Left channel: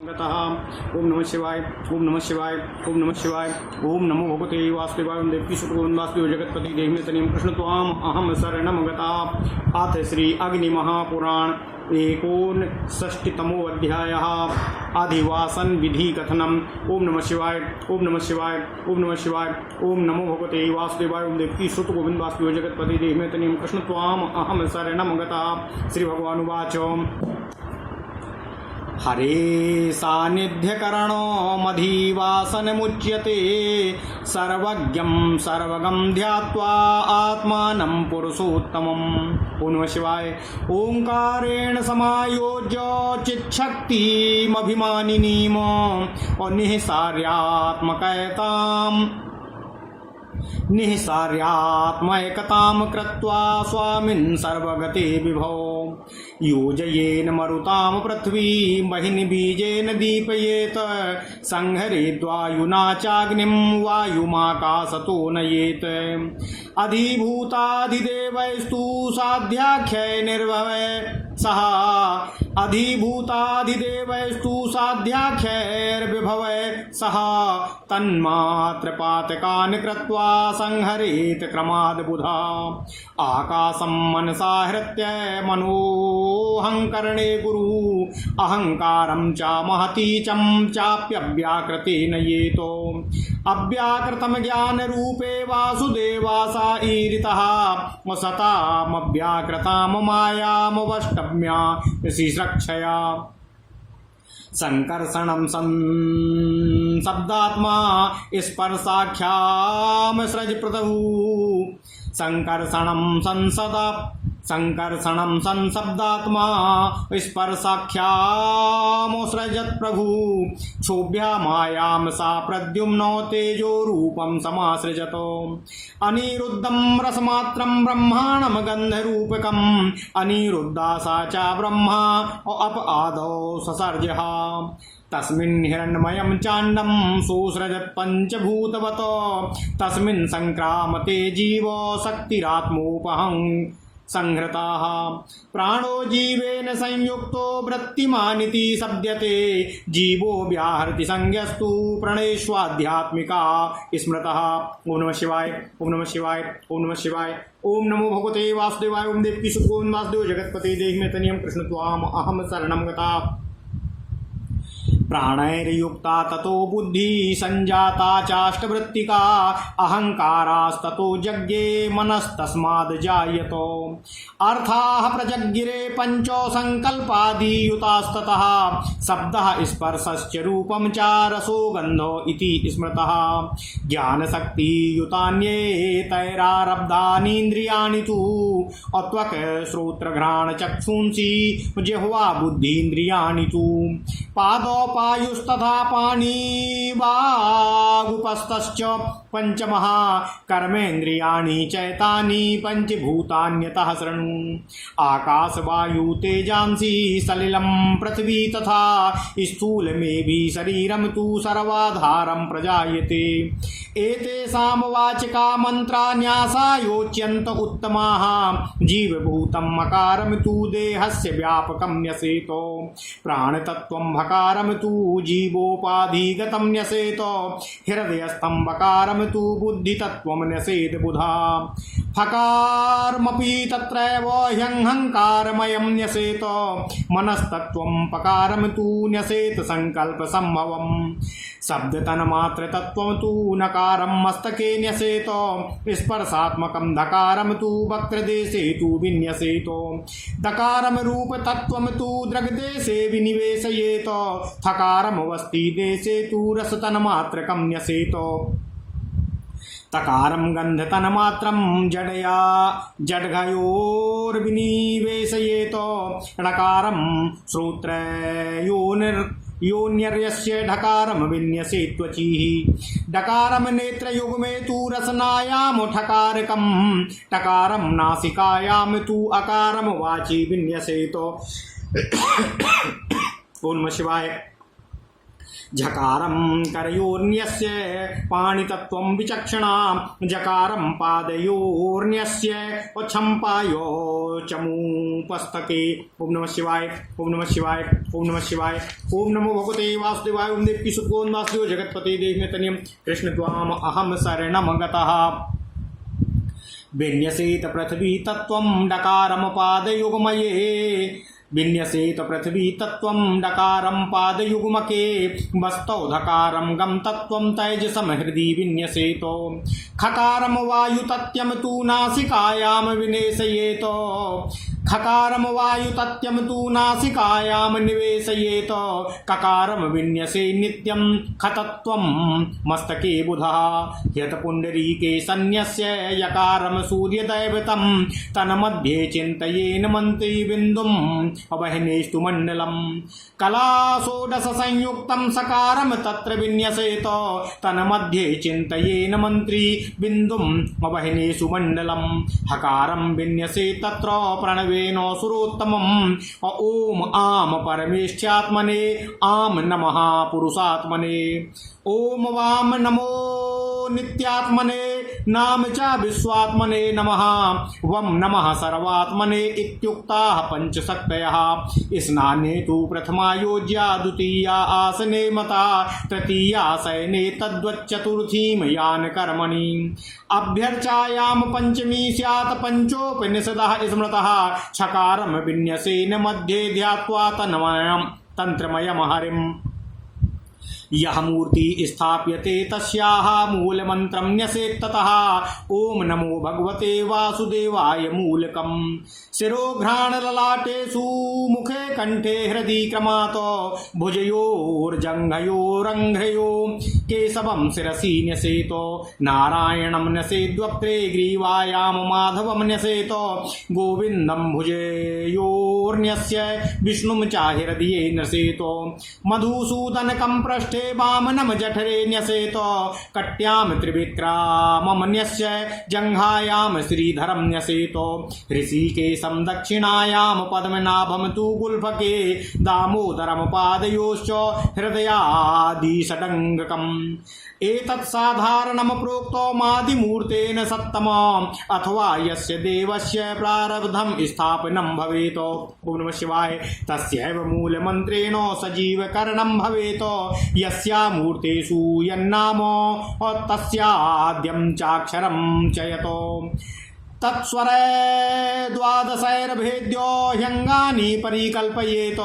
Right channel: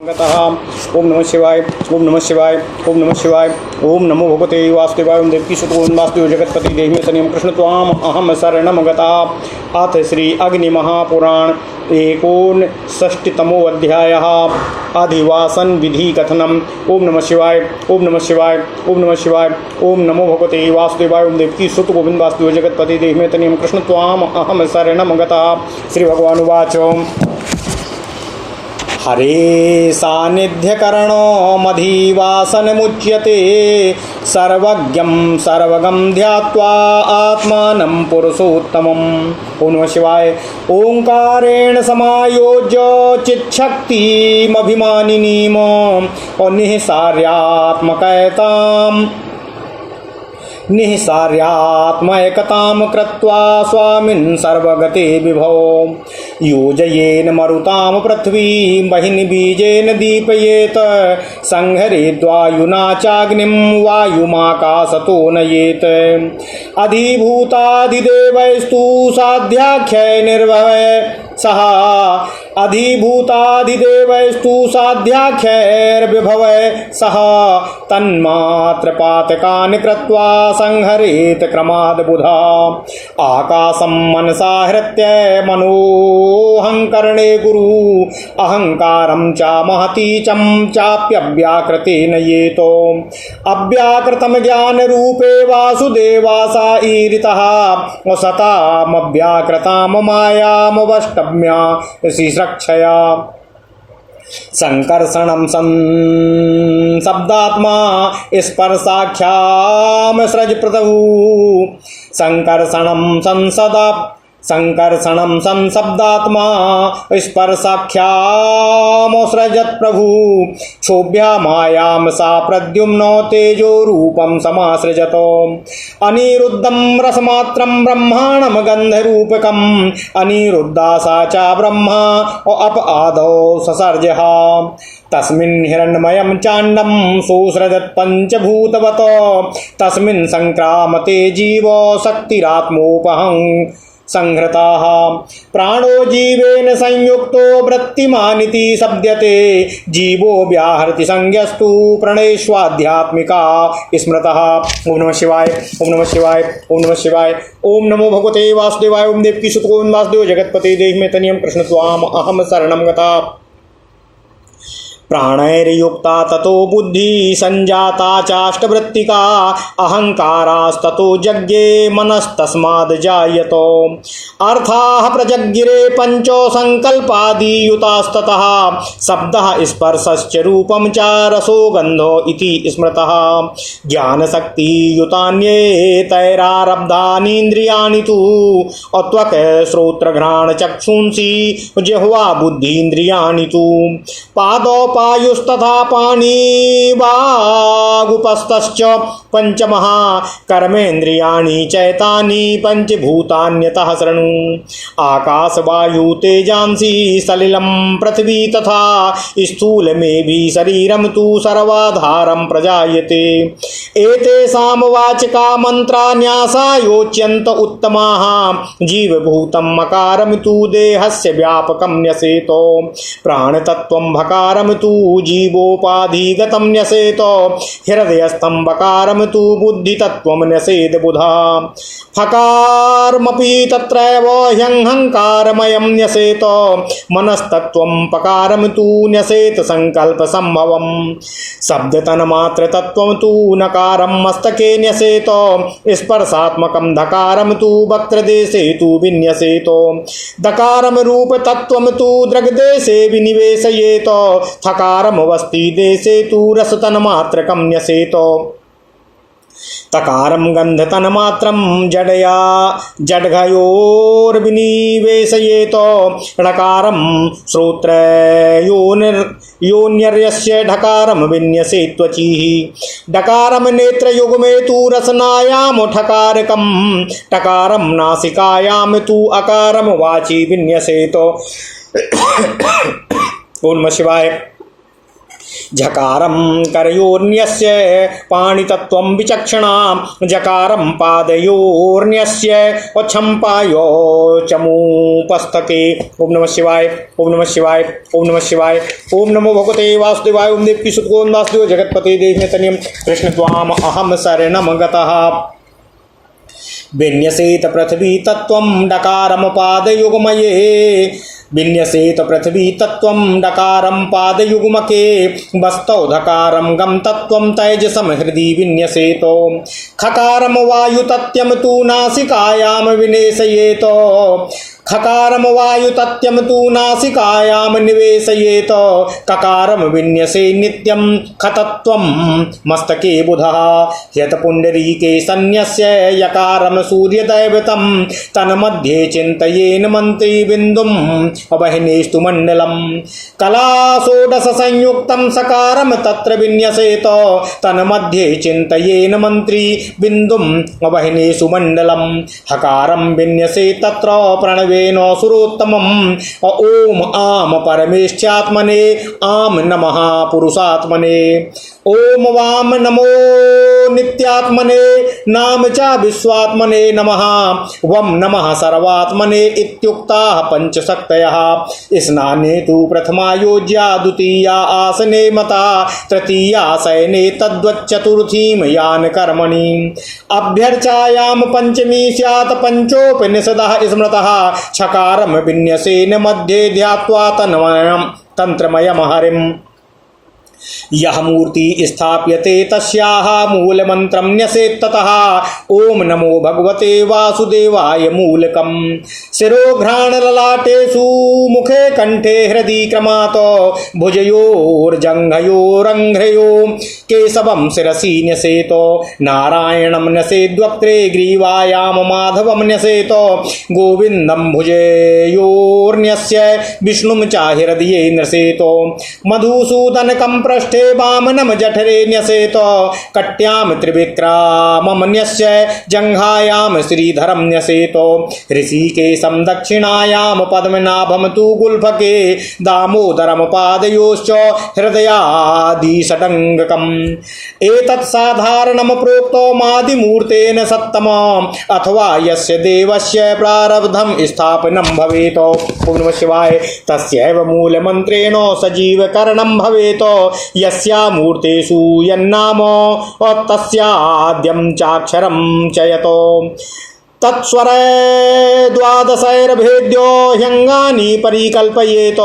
ओम नमः शिवाय ओम नमः शिवाय ओम नमः शिवाय ओम नमो भगवते वासुदेवाय ओम देवकी सुतो वासुदेव जगतपति देहि तनियम कृष्ण त्वाम अहम शरणम गता। अथ श्री अग्नि महापुराण 59तमो अध्यायः अधिवासन विधि कथनम। ओम नमः शिवाय ओम नमः शिवाय ओम नमः शिवाय ओम नमो भगवते वासुदेवाय ओम देवकी सुत गोविंद वासुदेव जगतपति देहि तनियम कृष्ण त्वाम अहम शरणम गता। श्री भगवान उवाच हरे सानिध्यकरणो मधिवासनमुच्यते सर्वज्ञं सर्वगं ध्यात्वा आत्मानं पुरुषोत्तमम्। ओम नमः शिवाय। ओंकारेण समायोज्य चित्शक्तिमभिमानिनीम और निःसार्यात्मैकतां कृत्वा स्वामिन् सर्वगते विभो योजयेन मरुतां पृथ्वीं बहिनि बीजेन दीपयेत संहरेद्वायुना चाग्निं वायुमाकाशतो नयेत अधिभूताधिदेवैस्तु साध्याख्यै निर्भवै सः अधिभूताधिदेवैस्तु साध्याख्यैर्विभवै सः तन्मात्रपातकान् कृत्वा संहरेत क्रमाद् बुधा आकाशं मनसा हृत्य मनोऽहंकरणे गुरु अहंकारं च महती चं चाप्यव्याकृतेन येतो अव्याकृतं ज्ञानरूपे वासुदेवासा ईरितः सतामव्याकृतां मायामवष्टम्या श्रीरक्षया संकर्षणं शब्दात्मा स्पर्शाख्याम सृज प्रभु संकर्षणं संशब्दात्मा स्पर्शाख्यामोसृजत् प्रभु क्षोभ्या मायां सा प्रद्युम्नो तेजो रूपं समासृजतो अनिरुद्धं रसमात्रं ब्रह्माणं गन्धरूपकम् अनिरुद्धा सा च ब्रह्मा अप आदौ ससर्जः तस्मिन् हिरण्मयं चाण्डं सोऽसृजत् पञ्चभूतवत् तस्मिन् संक्रामते जीवो शक्तिरात्मोपहं संहृताः प्राणो जीवेन संयुक्तो वृत्तिमानिति शब्दते जीवो व्याहरति संज्ञस्तु प्रणयेष्वाध्यात्मिका स्मृतः। ओम नमः शिवाय ओम नमः शिवाय ओम नमः शिवाय ओम नमो भगवते वासुदेवाय ओम देवकी सुत गोविंद वासुदेव जगतपते देहि मे तनियं कृष्ण त्वाम अहम शरणं गता। प्राणैर्युक्ता ततो बुद्धि संजाता चाष्टवृत्तिका अहंकारास्ततो यज्ञे मनस्तस्माद् जायतो अर्थाः प्रजज्ञिरे पंचो संकल्पादियुतास्ततः शब्दः स्पर्शश्च रूपं च रसो गन्धो इति स्मृतः ज्ञानशक्तियुतान्येतैरारब्धानीन्द्रियाणि तु त्वक् श्रोत्रघ्राण चक्षुंसि जिह्वा बुद्धीन्द्रियाणि तु पादोपायुस्तथा पाणिवागुपस्तश्च पंचमः कर्मेन्द्रियाणि चैतानि पंचभूतान्यतः शृणु आकाशवायु तेजांसि सलिलं पृथ्वी तथा स्थूलमेभि शरीरं तु सर्वाधारं प्रजायते एतेषां वाचका मन्त्रा न्यासायोच्यन्त उत्तमाः जीवभूतं मकारं तु देहस्य व्यापकं न्यसेतो प्राणतत्त्वं भकारं तु जीवोपाधिगतं न्यसेतो हृदयस्थं बकारं तु बुद्धितत्त्वं न्यसेत बुधा फकारमपि तत्रैव ह्यहंकारमयं न्यसेतो मनस्तत्त्वं पकारं तु न्यसेत संकल्पसम्भवं शब्दतन्मात्रतत्त्वं तु नकारं मस्तके न्यसेतो स्पर्शात्मकं धकारं तु वक्त्रदेशे तु विन्यसेतो दकारं रूपतत्त्वं तु दृग्देशे विनिवेशयेतो थकारं वस्ति देशे तु रसतन्मात्रकं न्यसेतो तकारं गन्धतन्मात्रं जडया जड्घयोर्विनिवेशयेतो ढकारं श्रोत्रयोनिर्यस्य ढकारं विन्यसेत्वचिः डकारं नेत्रयुग्मे तु रसनायां ठकारकं टकारं नासिकायां तु अकारं वाचि विन्यसेतो। ओम नमः शिवाय झकारं करयोर्न्यस्य पाणितत्वं विचक्षणां जकारं पादयोर्न्यस्य छम्पायो चमूपस्थके। ओम नमः शिवाय, ओम नमः शिवाय, ओम नमः शिवाय। ओम नमो भगवते वासुदेवाय। ओम देवकी सुतगोविंद वासुदेव जगत्पते देवमेतनियं कृष्ण त्वाम अहम शरणं गतः। विन्यसेत पृथ्वी तत्त्वं डकारं पादयुग्मये। विन्यसेत पृथ्वी तत्त्वं डकारं पादयुग्मके। वस्तौ धकारं गम तत्त्वं तैजसं हृदि विन्यसेतो। खकारं वायुतत्यं तु नासिकायां विनेशयेत। खकारं वायुतत्यं तु नासिकायां निवेशयेत। ककारं विन्यसे नित्यं खतत्वं मस्तके बुधः। ह्यतपुण्डरीके सन्न्यस्य यकारं सूर्यदैवतं तन्मध्ये चिन्तयेन मन्त्रिबिन्दुम् अवहिनेस्तु मण्डलं। कलाषोडश संयुक्तं सकारं तत्र विन्यसेत तन्मध्ये चिन्तयेन मन्त्री बिन्दुम् अवहिनेषु मण्डलं। हकारं विन्यसे तत्र प्रणवेन सुरोत्तमम्। ओम आम परमेष्ठ्यात्मने आम नमः पुरुषात्मने। ओम वाम नमो नित्यात्मने नाम च विश्वात्मने नमः। वम नमः सर्वात्मने इत्युक्ताः पंचशक्तयः। स्नाने तु प्रथमा योज्या द्वितीया आसने मता तृतीया शयने तद्वच्चतुर्थीं यान कर्मणि। अभ्यर्चायां पंचमी स्यात् पंचोपनिषदः स्मृतः। छकारं विन्यसेन मध्ये ध्यात्वा तन्त्रमयं हरिम्। यह मूर्ति स्थाप्यते तस्याः मूलमन्त्रं न्यसेत् ततः। ओम नमो भगवते वासुदेवाय मूलकम्। शिरोघ्राणललाटेषु मुखे कंठे हृदि क्रमात् भुजयोर्जङ्घयोरङ्घ्रयो केशवं शिरसि न्यसेत्। नारायणं न्यसेद्वक्त्रे ग्रीवायां माधवं न्यसेत्। गोविन्दं भुजयोर्न्यस्य विष्णुं च हृदये न्यसेत्। मधुसूदनकं पृष्ठे वामनं जठरे न्यसेत। कट्यां त्रिविक्रमं न्यस्य जङ्घायां श्रीधरं न्यसेत। ऋषिकेशं दक्षिणायां पद्मनाभं तु गुल्फके। दामोदरं पादयोश्च हृदयादिषडङ्गकम्। एतत् साधारणं प्रोक्तमादिमूर्तेन सत्तमम् अथवा यस्य देवस्य प्रारब्धं स्थापनं भवेत्। ओम नमः शिवाय। तस्यैव मूलमन्त्रेण सजीवकरणं भवेत्। यस्या मूर्तेषु यन्नाम तस्याद्यं चाक्षरं चयतो। तत्स्वर द्वादशैर्भेद्यो ह्यङ्गानि परिकल्पयेत।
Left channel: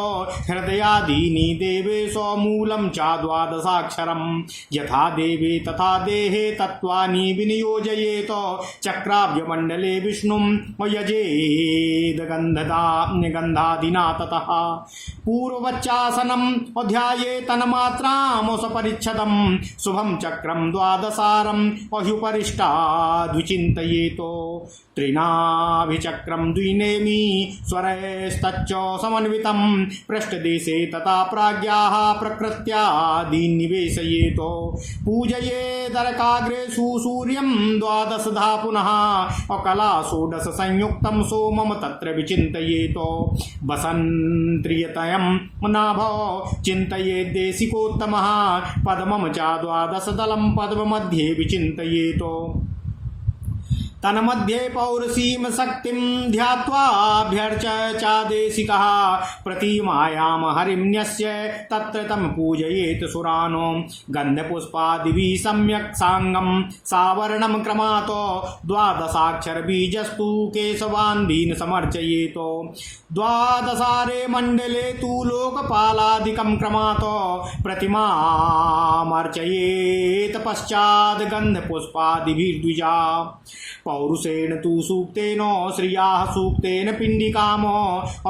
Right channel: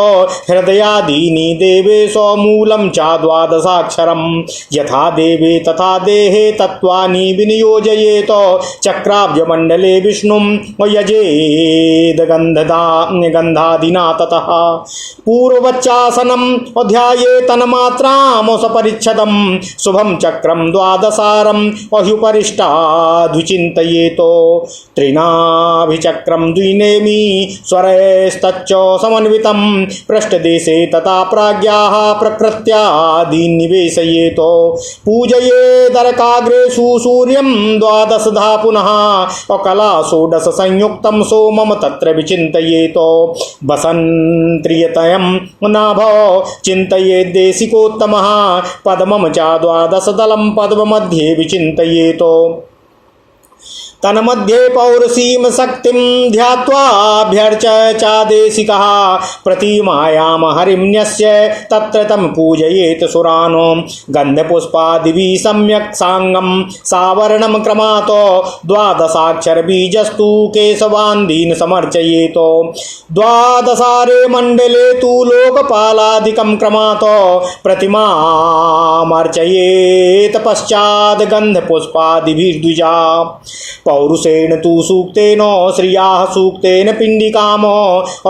हृदयादीनि देवेश मूलं च द्वादशाक्षरं। यथा देवे तथा देहे तत्त्वानि विनियोजयेत। चक्राब्जमण्डले विष्णुं यजेद गन्धादिना ततः। पूर्ववच्चासनम् अध्यायेत तन्मात्रां सपरिच्छदं। शुभं चक्रं द्वादशारं अह्युपरिष्टाद्विचिन्तयेत। त्रिनाभिचक्रं द्विनेमि स्वरैस्तच्च समन्वितं। पृष्ठदेशे तथा प्राज्ञाः प्रकृत्यादीन् निवेशयेत। पूजयेदर्काग्रेषु सूर्यं द्वादशधा पुनः। अकला षोडश संयुक्तं सोमं तत्र विचिन्तयेत। वसन्त्रियतयं नाभो चिन्तयेद्देशिकोत्तमः। पद्मं च द्वादशदलं पद्ममध्ये विचिन्तयेत। तन्मध्ये पौरुषीं शक्तिं ध्यात्वाभ्यर्च चादेशिकः। प्रतिमायां हरिम्न्यस्य तत्र तं पूजयेत् सुरानो। गन्धपुष्पादिभिः सम्यक् साङ्गं सावरणं क्रमात्। द्वादशाक्षरबीजस्तु केशवान्दीन् समर्चयेत्। द्वादशारे मण्डले तु लोकपालादिकं क्रमात्। प्रतिमामर्चयेत् पश्चात् गन्धपुष्पादिभिर्द्विजा। पौरुषेण तु सूक्तेन श्रियाः सूक्तेन पिण्डिकाम।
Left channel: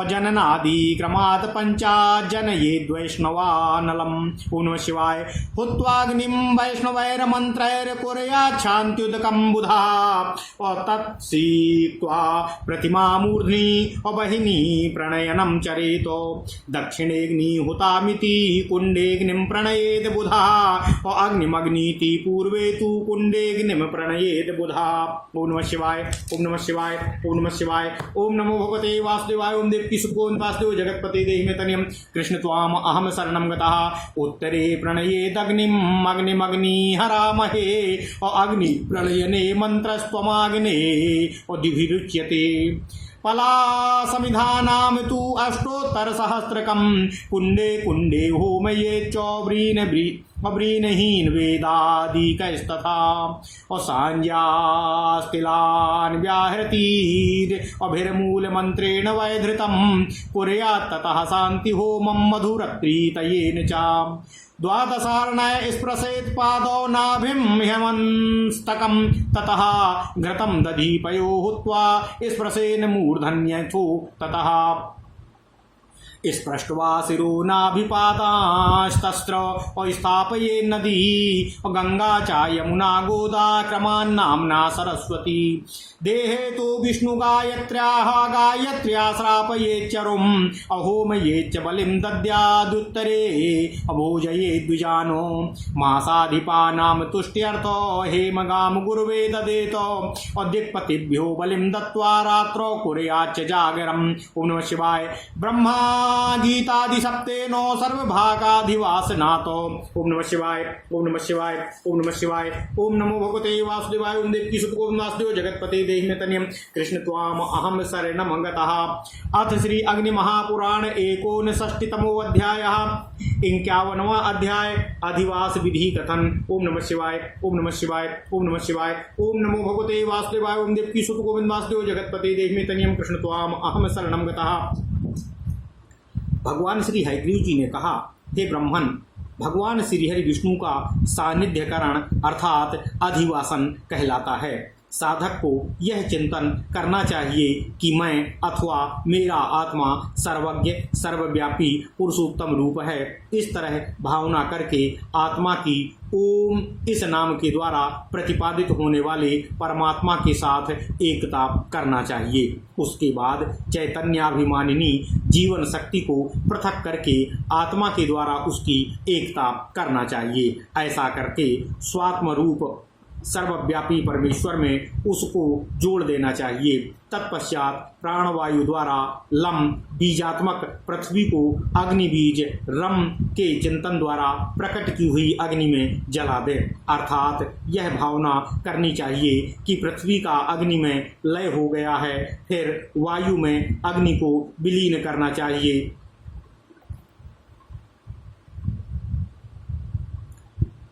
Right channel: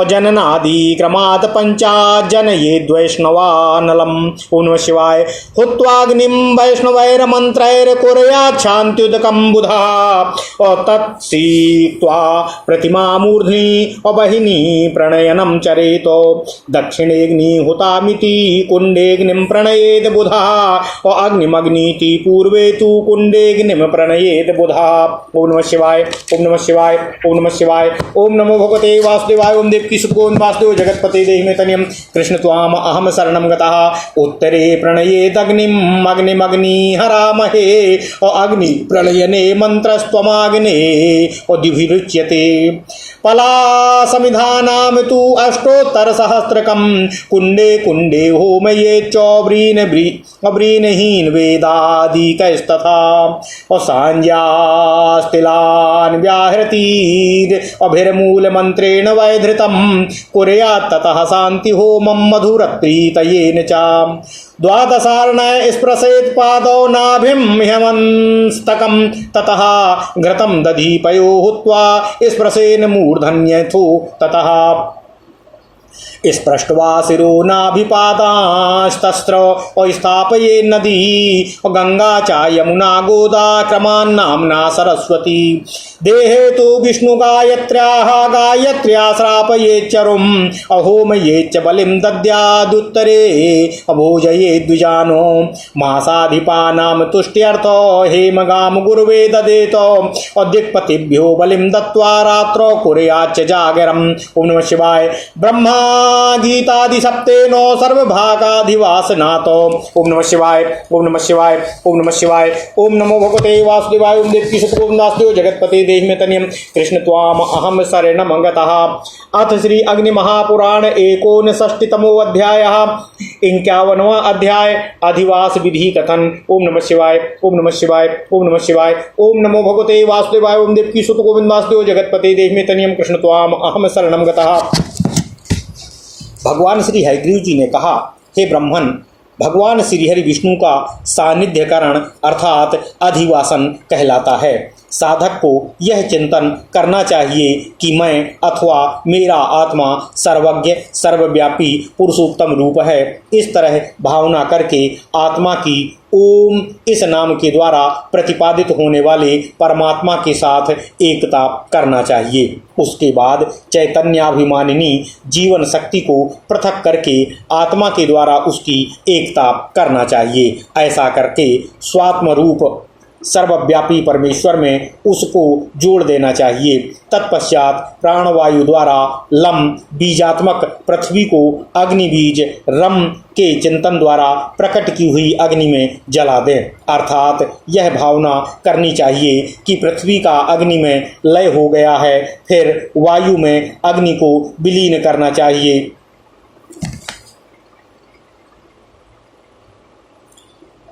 अजननादिक्रमात् पञ्चाजनयेद्वैष्णवानलम्। ओम नमः शिवाय। हुत्वाग्निं वैष्णवैर्मन्त्रैर्कुर्याच्छान्त्युदकं बुधः। तत्सीक्त्वा प्रतिमामूर्ध्नि अवहिनी प्रणयनं चरेत। दक्षिणेऽग्निहुतामिति कुण्डेऽग्निं प्रणयेद बुधः। अग्निमग्नीति पूर्वे तु कुण्डेऽग्निं प्रणयेद बुधः। ओम नमः शिवाय, ओम नमः शिवाय, ओम नमः शिवाय, ओम नमो भगवते वासुदेवाय। ओम देवकी सुत गोविंद वासुदेव जगतपते देहि मे तनियम कृष्ण त्वाम अहम शरणं गतः। उत्तरे प्रणयेत अग्निम अग्निमग्नि हरामहे और अग्नि प्रलयने मंत्रस्त्वमाग्ने और दिभिरुच्यते। पला समिधानाम तु अष्टोत्तर सहस्रकम कुंडे कुंडे होमये चौब्रीनहीन वेदादिकस्तथा और सांज्यास्तिलान व्याहृतीर अभिर्मूल मंत्रेण वैधृतम कुर्यात् ततः शांति होमं मधुरप्रीतयेन च। द्वादशार्णय स्पृशेत् पादौ नाभिं ह्यमस्तकं ततः घृतं दधीपयो हुत्वा स्पृशेन मूर्धन्यथो ततः स्पृष्ट्वा शिरो नाभिपातास्तस्त्र और स्थापये नदी और गंगा च यमुना गोदा क्रमान्नाम्ना सरस्वती। देहे तो विष्णु गायत्र्या श्रापये चरुम अहोमये च बलिं दद्यादुत्तरे अभोजये द्विजानो मासाधिपानां तुष्ट्यर्थो हेमगाम गुरुवे ददेत और दिक्पतिभ्यो बलिं दत्त्वा रात्रौ कुर्याच्च जागरम्। ओम नमः शिवाय। ब्रह्मा गीतादि सप्तेनो सर्वभागाधिवासनातो। ओम नमः शिवाय, ओम नमः शिवाय, ओम नमः शिवाय, ओम नमो भगवते वासुदेवाय। ओम देवकी सुत गोविंद वासुदेव जगतपते देहि मे तनियम कृष्ण त्वाम अहम शरणं गतः। अथ श्री अग्नि महापुराण 59तमो अध्यायः 51वां अध्याय अधिवास विधि कथन। ओम नमः शिवाय, ओम नमः शिवाय, ओम नमः शिवाय, ओम नमो भगवते वासुदेवाय। ओम देवकी सुत गोविंद वासुदेव जगतपते देहि मे तनियम कृष्ण त्वाम अहम शरणं गतः। भगवान श्री हयग्रीव जी ने कहा, हे ब्राह्मण, भगवान श्रीहरि विष्णु का सानिध्यकरण अर्थात अधिवासन कहलाता है। साधक को यह चिंतन करना चाहिए कि मैं अथवा मेरा आत्मा सर्वज्ञ सर्वव्यापी पुरुषोत्तम रूप है। इस तरह भावना करके आत्मा की ओम इस नाम के द्वारा प्रतिपादित होने वाले परमात्मा के साथ एकता करना चाहिए। उसके बाद चैतन्याभिमानिनी जीवन शक्ति को पृथक करके आत्मा के द्वारा उसकी एकता करना चाहिए। ऐसा करके स्वात्म रूप सर्वव्यापी परमेश्वर में उसको जोड़ देना चाहिए। तत्पश्चात प्राणवायु द्वारा लम बीजात्मक पृथ्वी को अग्नि बीज रम के चिंतन द्वारा प्रकट की हुई अग्नि में जला दें। अर्थात यह भावना करनी चाहिए कि पृथ्वी का अग्नि में लय हो गया है। फिर वायु में अग्नि को विलीन करना चाहिए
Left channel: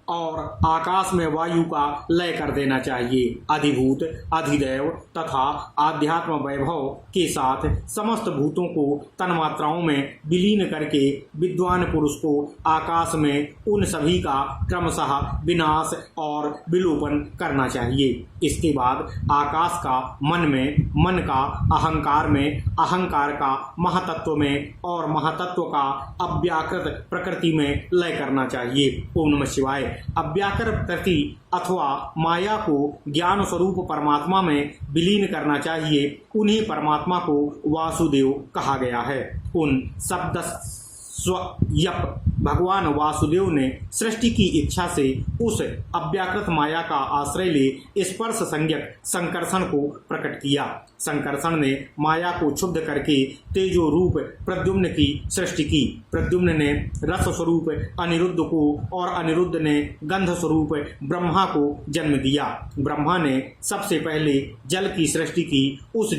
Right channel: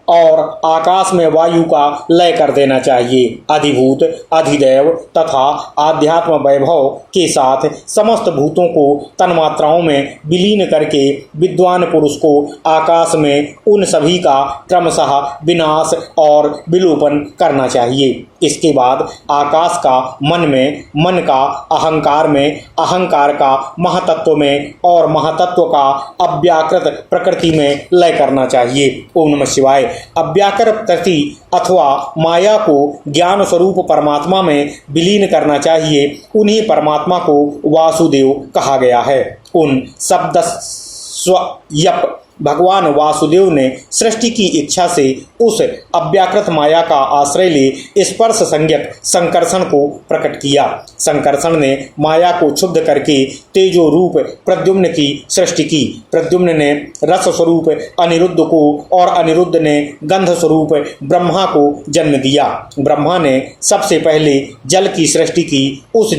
और आकाश में वायु का लय कर देना चाहिए। अधिभूत अधिदैव तथा आध्यात्म वैभव के साथ समस्त भूतों को तन्मात्राओं में विलीन करके विद्वान पुरुष को आकाश में उन सभी का क्रमशः विनाश और विलोपन करना चाहिए। इसके बाद आकाश का मन में, मन का अहंकार में, अहंकार का महातत्व में और महातत्व का अव्याकृत प्रकृति में लय करना चाहिए। ओम नमः शिवाय। अव्याकृत प्रकृति अथवा माया को ज्ञान स्वरूप परमात्मा में विलीन करना चाहिए। उन्हीं परमात्मा को वासुदेव कहा गया है। उन शब्द स्वयप भगवान वासुदेव ने सृष्टि की इच्छा से उस अव्याकृत माया का आश्रय ले स्पर्श संज्ञक संकर्षण को प्रकट किया। संकर्षण ने माया को क्षुब्ध करके तेजो रूप प्रद्युम्न की सृष्टि की। प्रद्युम्न ने रस स्वरूप अनिरुद्ध को और अनिरुद्ध ने गंध स्वरूप ब्रह्मा को जन्म दिया। ब्रह्मा ने सबसे पहले जल की सृष्टि की। उस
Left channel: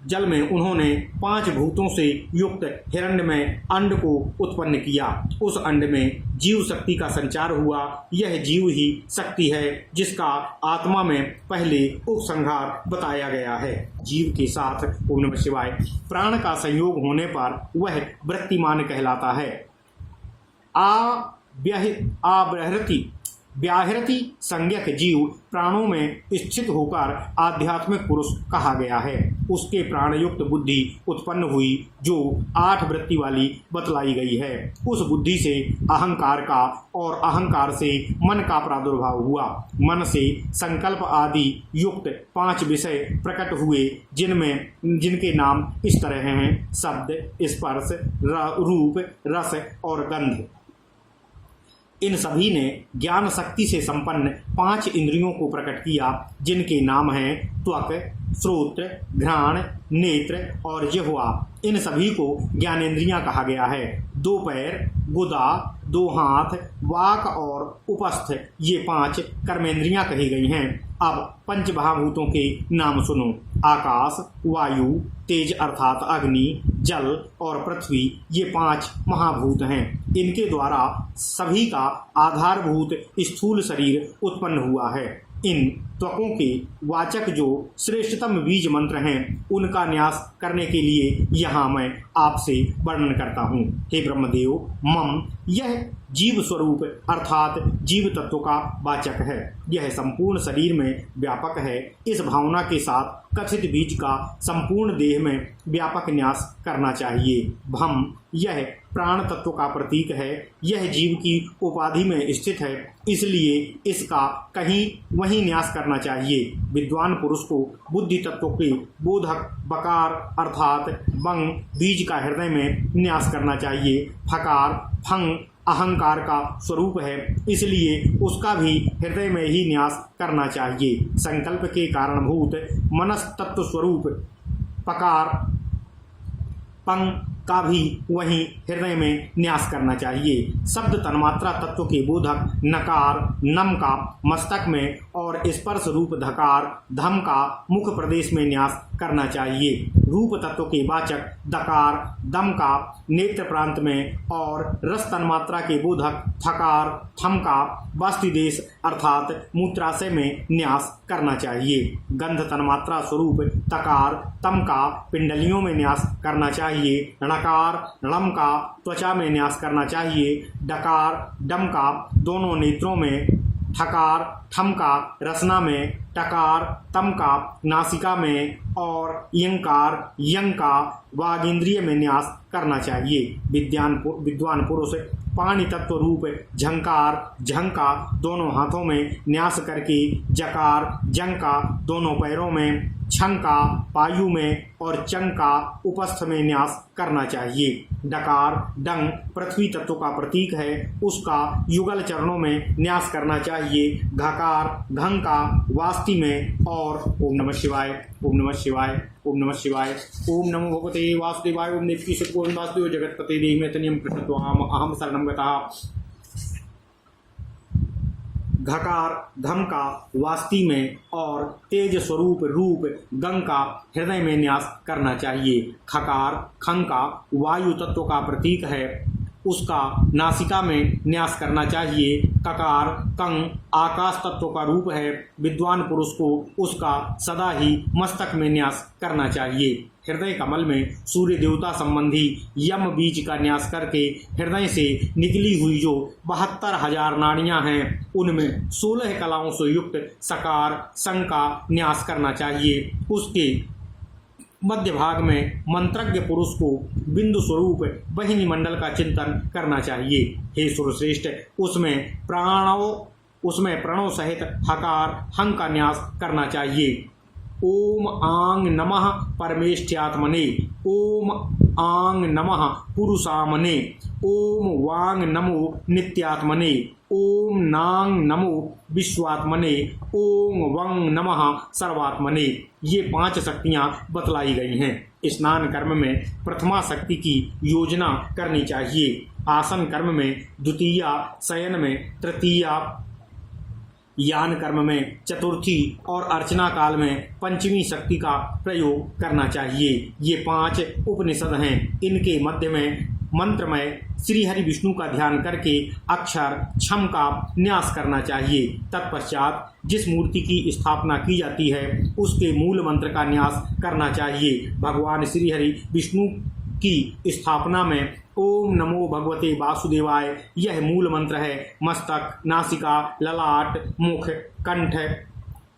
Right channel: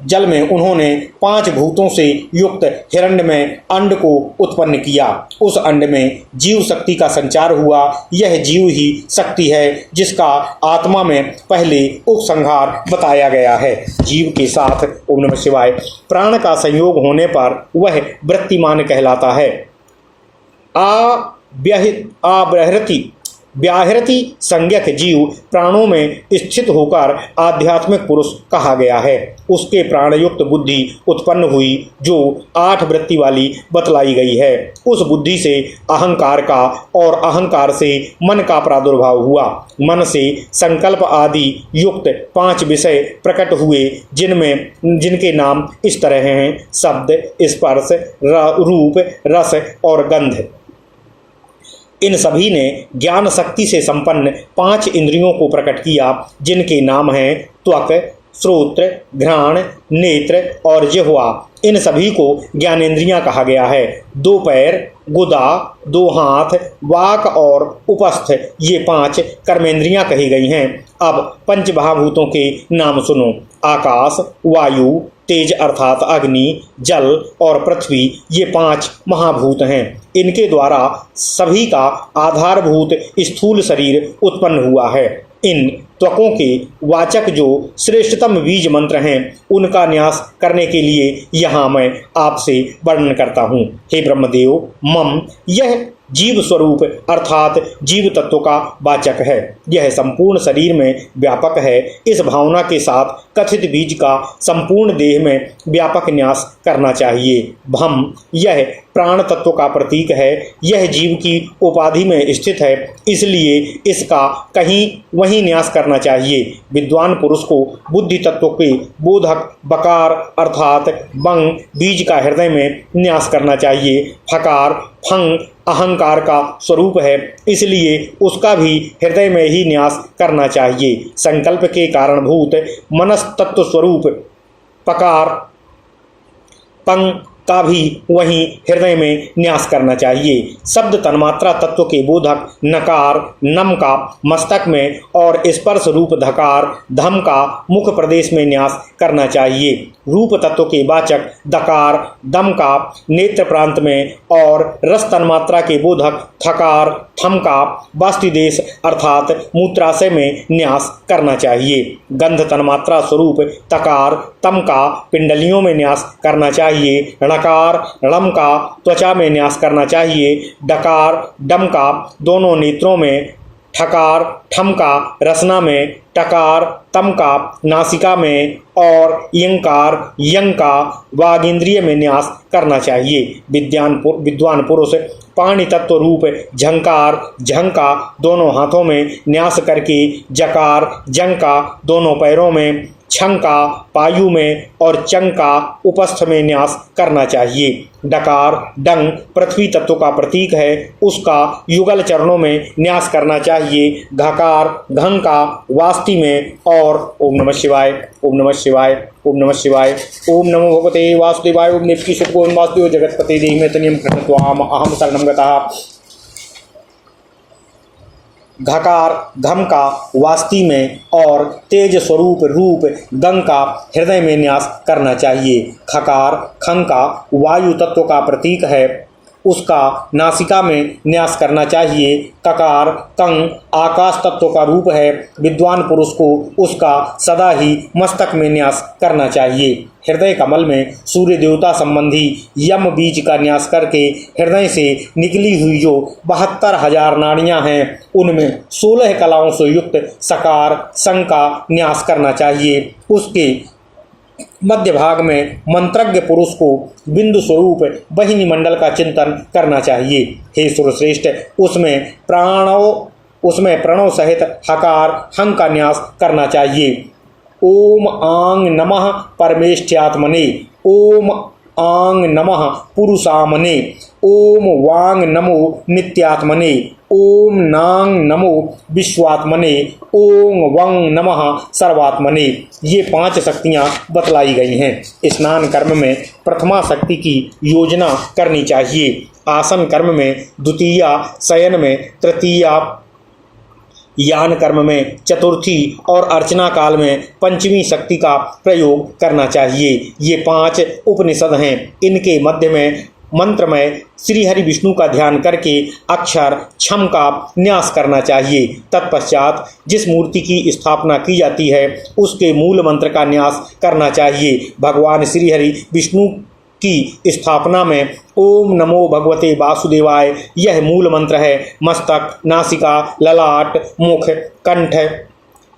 जल में उन्होंने 5 भूतों से युक्त हिरण्यमय अंड को उत्पन्न किया। उस अंड में जीव शक्ति का संचार हुआ। यह जीव ही शक्ति है जिसका आत्मा में पहले उपसंहार बताया गया है। जीव के साथ ओम नमः शिवाय प्राण का संयोग होने पर वह वृत्तिमान कहलाता है। व्याहृति संज्ञक जीव प्राणों में स्थित होकर आध्यात्मिक पुरुष कहा गया है। उसके प्राणयुक्त बुद्धि उत्पन्न हुई जो 8 वृत्ति वाली बतलाई गई है। उस बुद्धि से अहंकार का और अहंकार से मन का प्रादुर्भाव हुआ। मन से संकल्प आदि युक्त 5 विषय प्रकट हुए जिनके नाम इस तरह हैं: शब्द, स्पर्श, रूप, रस और गंध। इन सभी ने ज्ञान शक्ति से संपन्न 5 इंद्रियों को प्रकट किया, जिनके नाम हैं त्वक, श्रोत्र, घ्राण, नेत्र और जिह्वा। इन सभी को ज्ञानेंद्रियां कहा गया है। 2 पैर, गुदा, 2 हाथ, वाक और उपस्थ, ये 5 कर्मेंद्रियां कही गई हैं। अब पंचमहाभूतों के नाम सुनो। आकाश, वायु, तेज अर्थात अग्नि, जल और पृथ्वी, ये 5 महाभूत हैं। इनके द्वारा सभी का आधारभूत स्थूल शरीर उत्पन्न हुआ है। इन त्वकों के वाचक जो श्रेष्ठतम बीज मंत्र हैं, उनका न्यास करने के लिए यहाँ मैं आपसे वर्णन करता हूँ। हे ब्रह्मदेव, मम, यह जीव स्वरूप अर्थात जीव तत्व का वाचक है। यह संपूर्ण शरीर में व्यापक है। इस भावना के साथ कथित बीज का संपूर्ण देह में व्यापक न्यास करना चाहिए। भम, यह प्राण तत्व का प्रतीक है। यह जीव की उपाधि में स्थित है, इसलिए इसका कहीं वहीं न्यास करना चाहिए। विद्वान पुरुष को बुद्धि तत्व के बोधक बकार अर्थात बंग बीज का हृदय में न्यास करना चाहिए। फकार, फंग अहंकार का स्वरूप है, इसलिए उसका भी हृदय में ही न्यास करना चाहिए। संकल्प के कारणभूत मनस्तत्व स्वरूप पकार, पंग का भी वहीं हृदय में न्यास करना चाहिए। शब्द तन्मात्रा तत्व के बोधक नकार, नम का मस्तक में और स्पर्श रूप धकार, धम का मुख प्रदेश में न्यास करना चाहिए। रूप तत्व के वाचक दकार, दम का नेत्र प्रांत में और रस तन्मात्रा के बोधक थकार, थम का वास्तिदेश अर्थात मूत्राशय में न्यास करना चाहिए। गंध तन्मात्रा स्वरूप तकार, तम का पिंडलियों में न्यास करना चाहिए। णकार, णम का त्वचा में न्यास करना चाहिए। डकार, डम का दोनों नेत्रों में। ठकार, ठम का रसना में। टकार, तम का नासिका में और यंकार, यंग का वागींद्रिय में न्यास करना चाहिए। विद्वान पुरुष पाणि तत्व रूप झंकार, झंग का दोनों हाथों में न्यास करके जकार, जंग का दोनों पैरों में, छंग का पायु में और चंग का उपस्थ में न्यास करना चाहिए। डकार, डंग पृथ्वी तत्व का प्रतीक है, उसका युगल चरणों में न्यास करना चाहिए। घकार, घंग का वास्ति में और ओम नमः शिवाय, ओम नमः शिवाय, ओम नमः शिवाय, ओम नमो भगवते वासुदेवाय, ओम देवकी सुतों वासुदेव जगतपते देहि तनियम कृष्णत्वाम अहम शरणं गतः। घकार, घम का वास्ति में और तेज स्वरूप रूप गंग का हृदय में न्यास करना चाहिए। खकार, खंग का वायु तत्व का प्रतीक है, उसका नासिका में न्यास करना चाहिए। ककार, कंग आकाश तत्व का रूप है, विद्वान पुरुष को उसका सदा ही मस्तक में न्यास करना चाहिए। हृदय कमल में सूर्य देवता संबंधी यम बीज का न्यास करके हृदय से निकली हुई जो 72,000 नाड़ियां हैं, उनमें 16 कलाओं से युक्त सकार, संग का न्यास करना चाहिए। उसके मध्य भाग में मंत्रज्ञ पुरुष को बिंदु स्वरूप वहिनी मंडल का चिंतन करना चाहिए। हे सुरश्रेष्ठ, उसमें प्रणव सहित हकार, हंग का न्यास करना चाहिए। ओम आंग नमः परमेष्ठ्यात्मने, ओम आंग नमः पुरुषामने, ओम वांग नमो नित्यात्मने, ओम नांग नमो विश्वात्मने, ओम वंग नमः सर्वात्मने। ये 5 शक्तियाँ बतलाई गई हैं। स्नान कर्म में प्रथमा शक्ति की योजना करनी चाहिए। आसन कर्म में द्वितीया, शयन में तृतीया, यान कर्म में चतुर्थी और अर्चना काल में पंचमी शक्ति का प्रयोग करना चाहिए। ये 5 उपनिषद हैं। इनके मध्य में मंत्र में श्री हरि विष्णु का ध्यान करके अक्षर छम का न्यास करना चाहिए। तत्पश्चात जिस मूर्ति की स्थापना की जाती है, उसके मूल मंत्र का न्यास करना चाहिए। भगवान श्री हरि विष्णु की स्थापना में ओम नमो भगवते वासुदेवाय यह मूल मंत्र है। मस्तक, नासिका, ललाट, मुख, कंठ,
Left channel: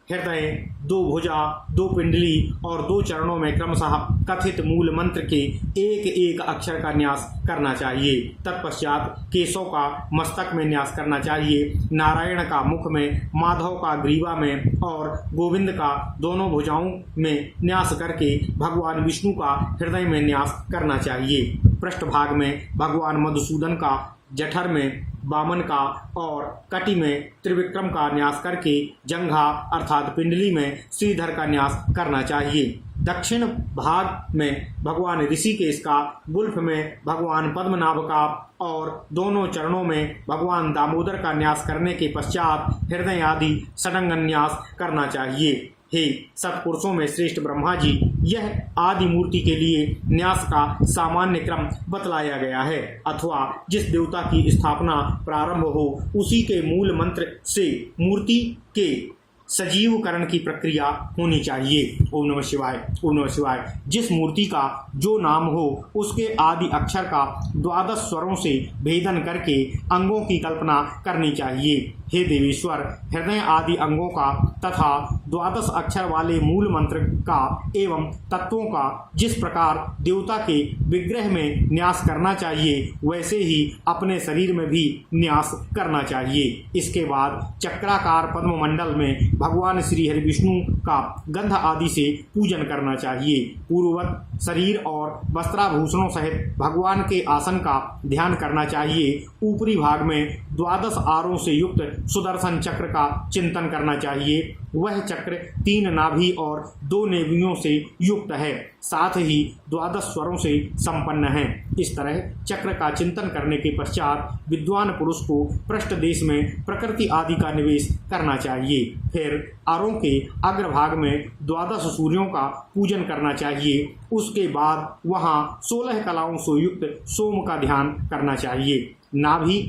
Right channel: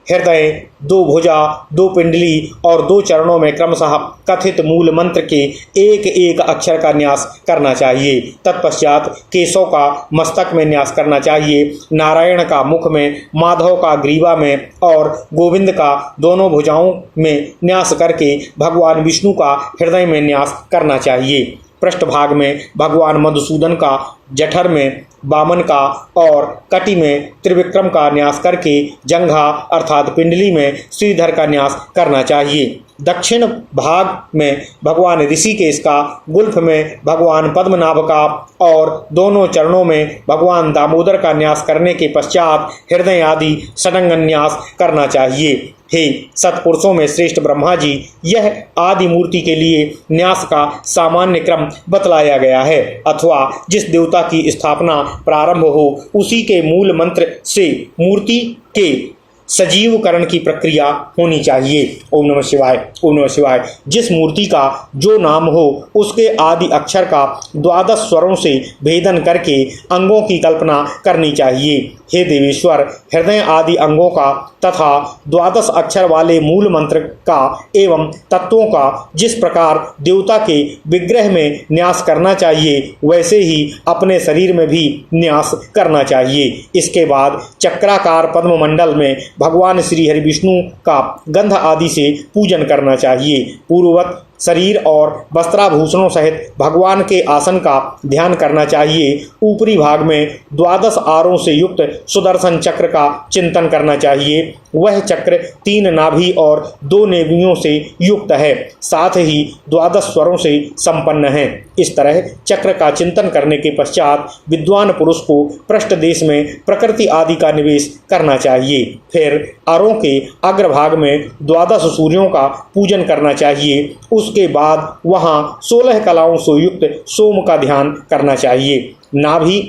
हृदय, 2 भुजा, 2 पिंडली और 2 चरणों में क्रमशः कथित मूल मंत्र के एक एक अक्षर का न्यास करना चाहिए। तत्पश्चात केशव का मस्तक में न्यास करना चाहिए, नारायण का मुख में, माधव का ग्रीवा में और गोविंद का दोनों भुजाओं में न्यास करके भगवान विष्णु का हृदय में न्यास करना चाहिए। पृष्ठभाग में भगवान मधुसूदन का, जठर में वामन का और कटी में त्रिविक्रम का न्यास करके जंघा अर्थात पिंडली में श्रीधर का न्यास करना चाहिए। दक्षिण भाग में भगवान ऋषिकेश का, गुल्फ में भगवान पद्मनाभ का और दोनों चरणों में भगवान दामोदर का न्यास करने के पश्चात हृदय आदि षडंगन न्यास करना चाहिए। हे सत्पुरुषों में श्रेष्ठ ब्रह्मा जी, यह आदि मूर्ति के लिए न्यास का सामान्य क्रम बतलाया गया है, अथवा जिस देवता की स्थापना प्रारंभ हो उसी के मूल मंत्र से मूर्ति के सजीवकरण की प्रक्रिया होनी चाहिए। ओम नमः शिवाय, ओम नमः शिवाय। जिस मूर्ति का जो नाम हो उसके आदि अक्षर का 12 स्वरों से भेदन करके अंगों की कल्पना करनी चाहिए। हे देवेश्वर, हृदय आदि अंगों का तथा 12 अक्षर वाले मूल मंत्र का एवं तत्वों का जिस प्रकार देवता के विग्रह में न्यास करना चाहिए वैसे ही अपने शरीर में भी न्यास करना चाहिए। इसके बाद चक्राकार पद्ममंडल में भगवान श्री हरि विष्णु का गंध आदि से पूजन करना चाहिए। पूर्ववत शरीर और वस्त्राभूषणों सहित भगवान के आसन का ध्यान करना चाहिए। ऊपरी भाग में 12 आरों से युक्त सुदर्शन चक्र का चिंतन करना चाहिए। वह चक्र 3 नाभि और 2 नेवियों से युक्त है, साथ ही 12 स्वरों से संपन्न है। इस तरह चक्र का चिंतन करने के पश्चात विद्वान पुरुष को पृष्ठ देश में प्रकृति आदि का निवेश करना चाहिए। फिर अरों के अग्रभाग में 12 सूर्यों का पूजन करना चाहिए। उसके बाद वहां 16 कलाओं से युक्त सोम का ध्यान करना चाहिए। नाभि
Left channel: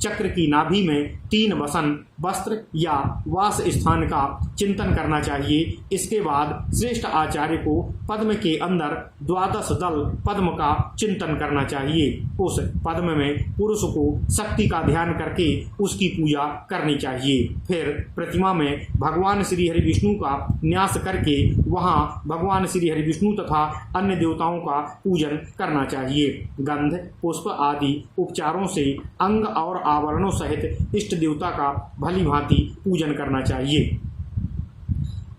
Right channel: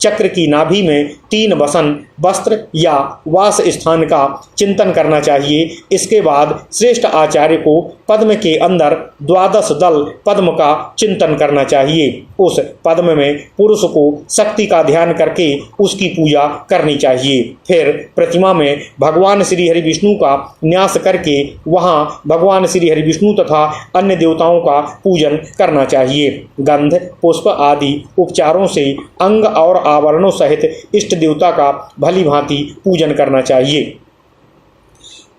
चक्र की नाभि में 3 वसन वस्त्र या वास स्थान का चिंतन करना चाहिए। इसके बाद श्रेष्ठ आचार्य को पद्म के अंदर 12 दल पद्म का चिंतन करना चाहिए। उस पद्म में पुरुष को शक्ति का ध्यान करके उसकी पूजा करनी चाहिए। फिर प्रतिमा में भगवान श्री हरि विष्णु का न्यास करके वहां भगवान श्री हरि विष्णु तथा अन्य देवताओं का पूजन करना चाहिए। गंध, पुष्प आदि उपचारों से अंग और आवरणों सहित इष्ट देवता का भली भांति पूजन करना चाहिए।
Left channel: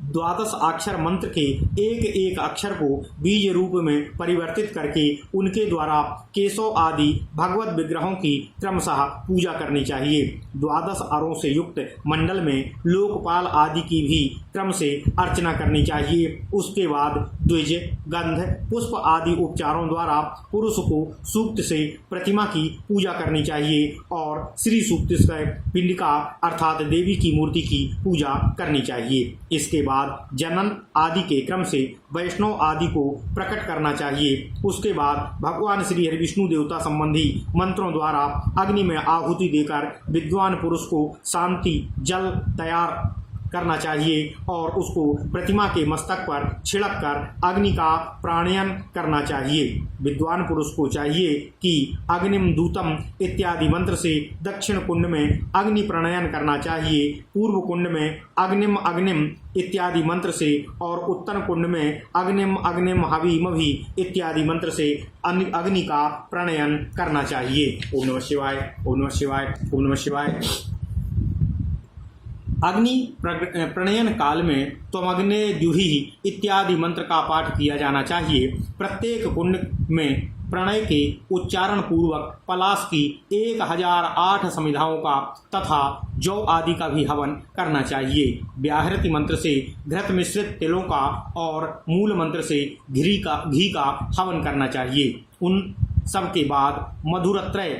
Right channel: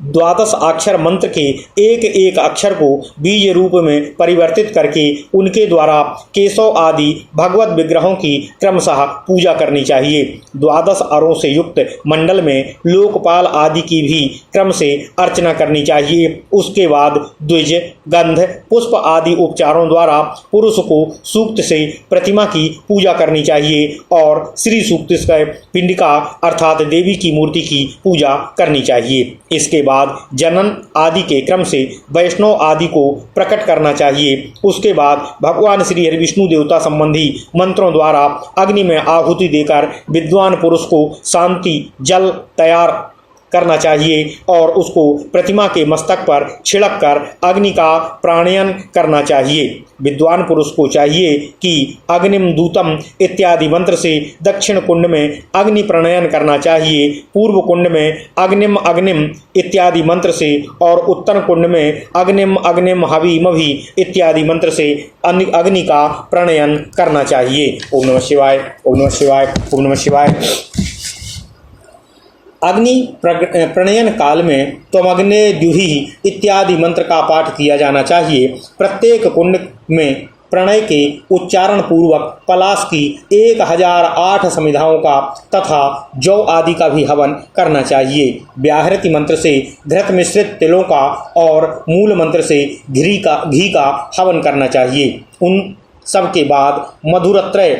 12 अक्षर मंत्र के एक एक अक्षर को बीज रूप में परिवर्तित करके उनके द्वारा केशव आदि भगवत विग्रहों की क्रमशः पूजा करनी चाहिए। 12 अरों से युक्त मंडल में लोकपाल आदि की भी क्रम से अर्चना करनी चाहिए। उसके बाद द्विज, गंध, पुष्प आदि उपचारों द्वारा पुरुष को सूक्त से प्रतिमा की पूजा करनी चाहिए और श्री सूक्त से पिंडिका अर्थात देवी की मूर्ति की पूजा करनी चाहिए। इसके बाद जनन आदि के क्रम से वैष्णव आदि को प्रकट करना चाहिए। उसके बाद भगवान श्री हरि विष्णु देवता संबंधी मंत्रों द्वारा अग्नि में आहुति देकर विद्वान पुरुष को शांति जल तैयार करना चाहिए और उसको प्रतिमा के मस्तक पर छिड़क कर अग्नि का प्राणयन करना चाहिए। विद्वान पुरुष को चाहिए कि अग्निम दूतम इत्यादि मंत्र से दक्षिण कुंड में अग्नि प्रणयन करना चाहिए, पूर्व कुंड में अग्निम अग्निम इत्यादि मंत्र से और उत्तर कुंड में अग्निम अग्निम हवि मभि इत्यादि मंत्र से अग्नि का प्रणयन करना चाहिए। ओम नमः शिवाय, ओम नमः शिवाय, ओम नमः शिवाय। अग्नि प्रणयन काल में त्वमग्ने द्युहि इत्यादि मंत्र का पाठ किया जाना चाहिए। प्रत्येक कुंड में प्रणय के उच्चारण पूर्वक पलाश की 1008 समिधाओं का तथा जौ आदि का भी हवन करना चाहिए। व्याहृति मंत्र से घृत मिश्रित तिलों का और मूल मंत्र से घी का हवन करना चाहिए। उन सब के बाद मधुरत्रय,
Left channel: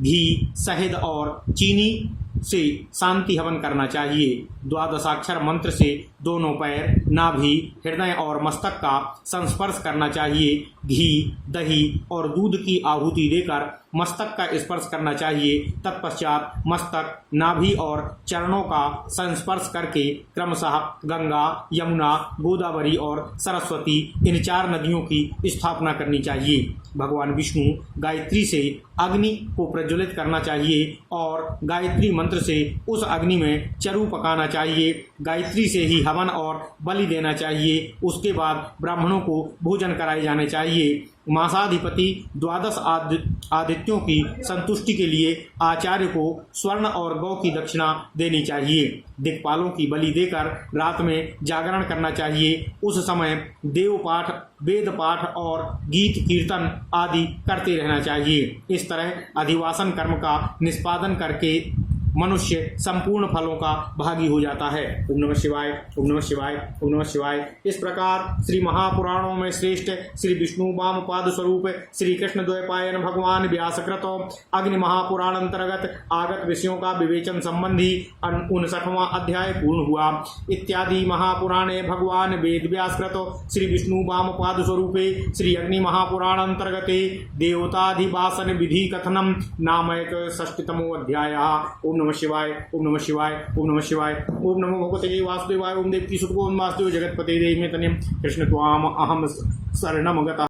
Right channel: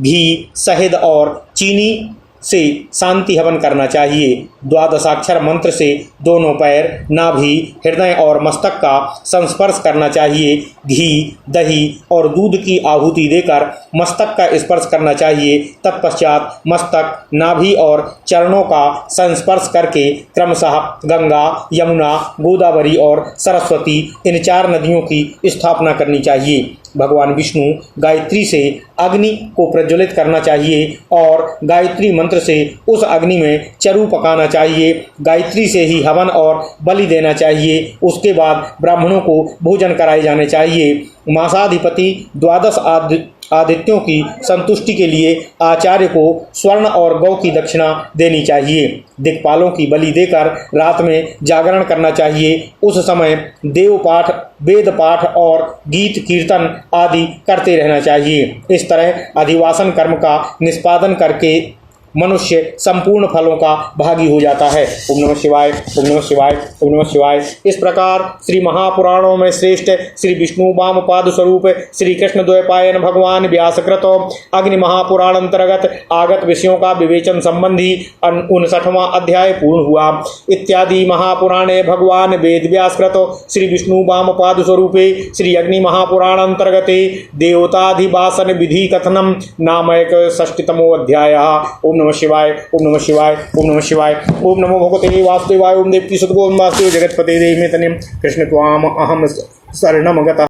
घी, शहद और चीनी से शांति हवन करना चाहिए। 12 अक्षर मंत्र से दोनों पैर, नाभि, हृदय और मस्तक का संस्पर्श करना चाहिए। घी, दही और दूध की आहुति देकर मस्तक का स्पर्श करना चाहिए। तत्पश्चात मस्तक, नाभि और चरणों का संस्पर्श करके क्रमशः गंगा, यमुना, गोदावरी और सरस्वती इन 4 नदियों की स्थापना करनी चाहिए। भगवान विष्णु गायत्री से अग्नि को प्रज्वलित करना चाहिए और गायत्री मंत्र से उस अग्नि में चरु पकाना चाहिए। गायत्री से ही हवन और बलि देना चाहिए। उसके बाद ब्राह्मणों को भोजन कराए जाने चाहिए। मासाधिपति द्वादश आदित्यों की संतुष्टि के लिए आचार्य को स्वर्ण और गौ की दक्षिणा देनी चाहिए। दिक्पालों की बलि देकर रात में जागरण करना चाहिए। उस समय देव पाठ, वेद पाठ और गीत कीर्तन आदि करते रहना चाहिए। इस तरह अधिवासन कर्म का निष्पादन करके मनुष्य संपूर्ण फलों का भागी हो जाता है। ओम नमः शिवाय, ओम नमः शिवाय, ओम नमः शिवाय। इस प्रकार श्री महापुराणों में श्रेष्ठ श्री विष्णु वामपाद स्वरूप श्री कृष्ण द्वैपायन भगवान व्यासकृत अग्नि महापुराण अंतर्गत आगत विषयों का विवेचन संबंधी 59वां अध्याय पूर्ण हुआ। इत्यादि महापुराणे भगवान वेद व्यासकृत श्री विष्णु वामपाद स्वरूपे श्री अग्नि महापुराण अंतर्गते देवताधिवासन विधि कथनम नामक 60तमो अध्याय। ओम नमः शिवाय, ओम नमः शिवाय, ओम नमः शिवाय। ओम नमो भगवते वासुदेवाय। ओम देवकी सुतगोविंद वासुदेव जगतपते देहिमे तनयं कृष्ण त्वाम अहम शरणम गतः।